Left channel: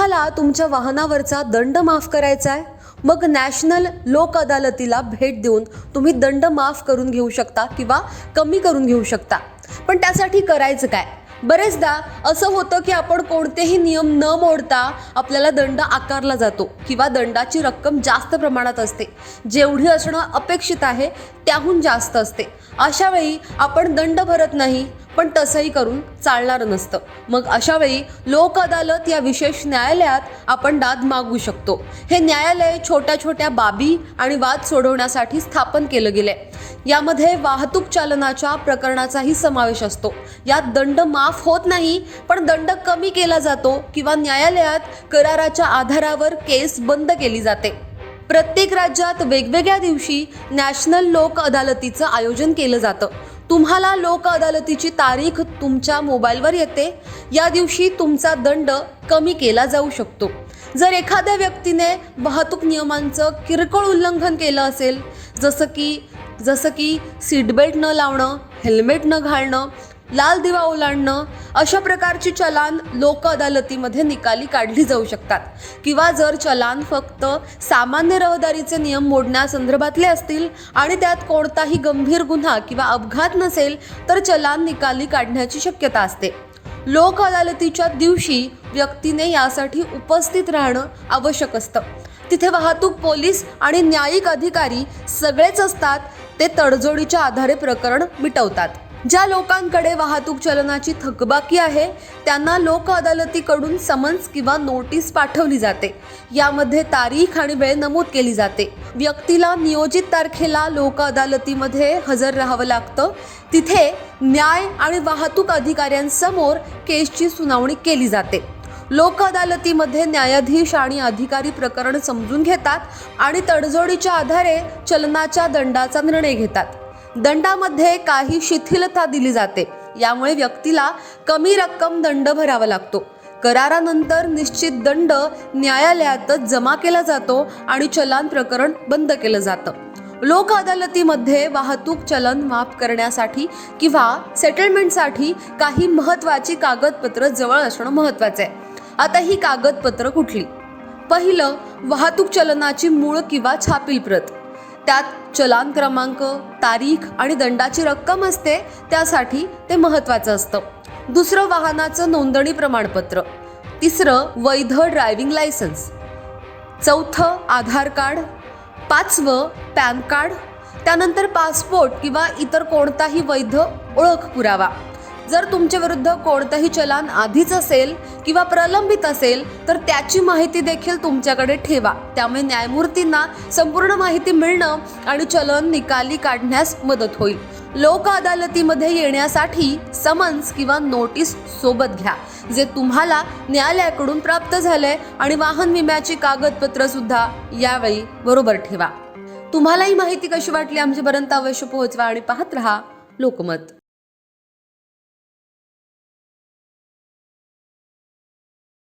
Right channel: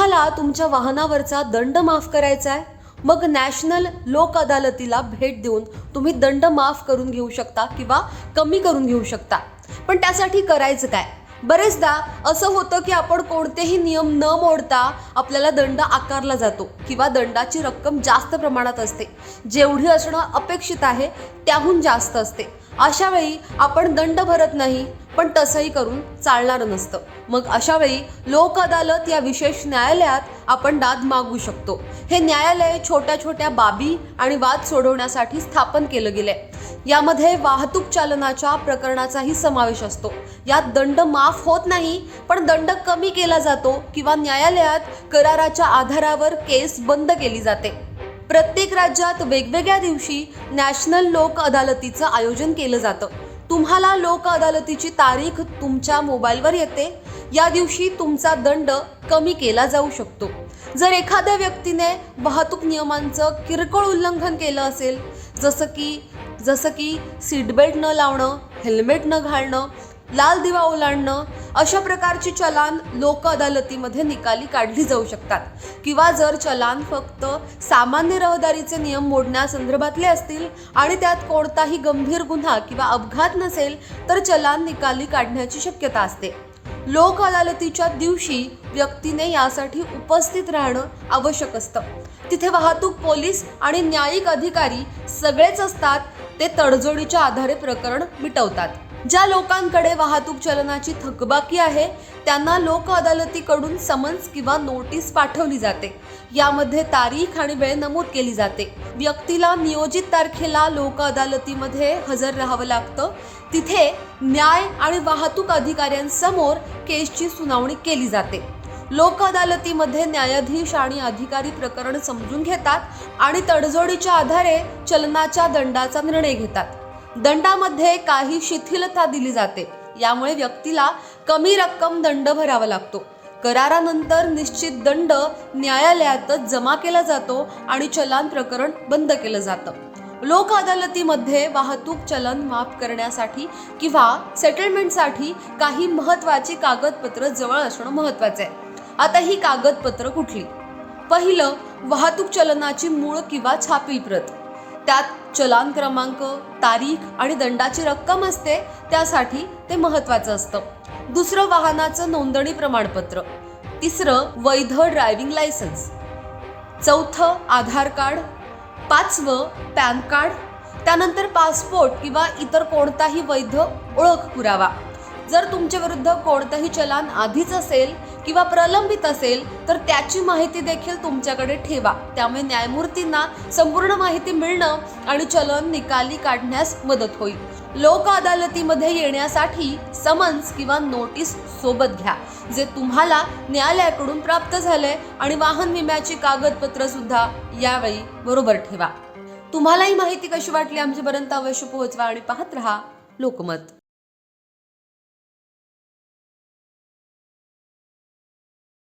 तुम्हाला तुमच्या वाहनावरचा दंड माफ करायचा आहे? मग नॅशनल लोक अदालतीला भेट देऊन तुम्ही दंड माफ करून घेऊ शकता किंवा कमी करून घेऊ शकता. पण त्यासाठी करायचं काय? बरेचदा असं होतं की आपण कोणतेही नियम न मोडता आपल्याला दंड आकारला जातो किंवा दंडाची रक्कम जास्त प्रमाणात असते. जेवढी असणं अपेक्षित आहे त्याहून जास्त असते. अशा वेळी आपण दंड भरत नाही पण तसंही करून चालणार नसतं. मग अशा वेळी लोक अदालत या विशेष न्यायालयात आपण दाद मागू शकतो. हे न्यायालय छोट्या छोट्या बाबी आणि वाद सोडवण्यासाठी स्थापन केलं गेलंय. यामध्ये वाहतूक चालनाच्या प्रकरणाचाही समावेश असतो. यात दंड माफ होत नाही पण दंड कमी केला जातो किंवा न्यायालयात कराराच्या आधारावर केस बंद केली जाते. प्रत्येक राज्यात वेगवेगळ्या दिवशी नॅशनल लोक अदालतीचं आयोजन केलं जातं. तुम्हाला लोक अदालतीची तारीख तुमच्या मोबाईलवर येते. या दिवशी तुमचा दंड कमी केला जाऊ शकतो. जर एखाद्या व्यक्तीने वाहतूक नियमांचं किरकोळ उल्लंघन केलं असेल जसं की जसं की सीटबेल्ट न लावणं हेल्मेट न घालणं लाल दिवा ओलांडणं अशा प्रकारची चलान लोक अदालतीमध्ये निकाली काढली जाऊ शकतात. किंवा जर चलान फक्त सामान्य रहदारीचे नियम मोडण्यासंदर्भातले असतील आणि त्यात कोणताही गंभीर गुन्हा किंवा अपघात नसेल तर चलान निकाली काढण्याची शक्यता असते. लोक अदालतीच्या दिवशी व्यक्तीने यासाठी उपस्थित राहणं आवश्यक असतं. तिथे वाहतूक पोलीस आणि न्यायिक अधिकारी सगळेच असतात ते तडजोडीच्या आधारे प्रकरण मिटवतात. ज्या लोकांकडे वाहतूक चलनाची थकबाकी आहे त्यांना लोक अदालतीकडून समन्स किंवा नोटीस पाठवली जाते. यामध्ये तारीख आणि वेळ नमूद केली जाते. व्यक्तीला नियोजित तारखेला लोक अदालतीमध्ये हजर राहावं लागतं. तिथे न्याय आणि वाहतूक अधिकाऱ्यांसमोर केसची सुनावणी केली जाते. लोक अदालतीमध्ये न्यायाधीश आणि अधिकारी प्रकरण समजून घेतात आणि तडजोडीच्या आधारे चलनाच्या दंडाचा निर्णय घेतात. दंडामध्ये काही शिथिलता दिली जाते. यामुळे व्यक्तीला कमी रक्कम दंड भरावा लागतो. करारानंतर निश्चित दंड न्यायालयातच जमा केला जातो आणि चलान प्रकरण बंद केलं जातं. लोक अदालतीमध्ये वाहतूक चलन माफ करण्यासाठी किंवा सेटलमेंटसाठी काही महत्त्वाची कागदपत्र जवळ असणं महत्त्वाचं आहे. आता ही कागदपत्र कुठली? पहिलं वाहतूक चलनाची मूळ किंवा छापील प्रत. त्यात चलान क्रमांक तारीख आणि दंडाची रक्कम असते त्यासाठी ते महत्त्वाचं असतं. दुसरं वाहनाचं नोंदणी प्रमाणपत्र. तिसरं वैध ड्रायव्हिंग लायसन्स. चौथं आधार कार्ड. पाचवं पॅन कार्ड. त्यानंतर पासपोर्ट किंवा इतर कोणताही वैध ओळख पुरावा. जर तुमच्या विरुद्ध कोणतंही चलान आधीच असेल किंवा प्रलंबित असेल तर त्याची माहिती देखील तुमच्याकडे ठेवा. त्यामुळे न्यायमूर्तींना संपूर्ण माहिती मिळणं आणि चलन निकाली काढण्यास मदत होईल. लोक अदालतीमध्ये येण्यासाठी समन्स किंवा नोटीस सोबत घ्या जे तुम्हाला न्यायालयाकडून प्राप्त झालंय आणि वाहन विम्याची कागदपत्र सुद्धा यावेळी बरोबर ठेवा. तुम्हाला ही माहिती कशी वाटली आमच्यापर्यंत अवश्य पोहोचवा आणि पाहत रहा लोकमत.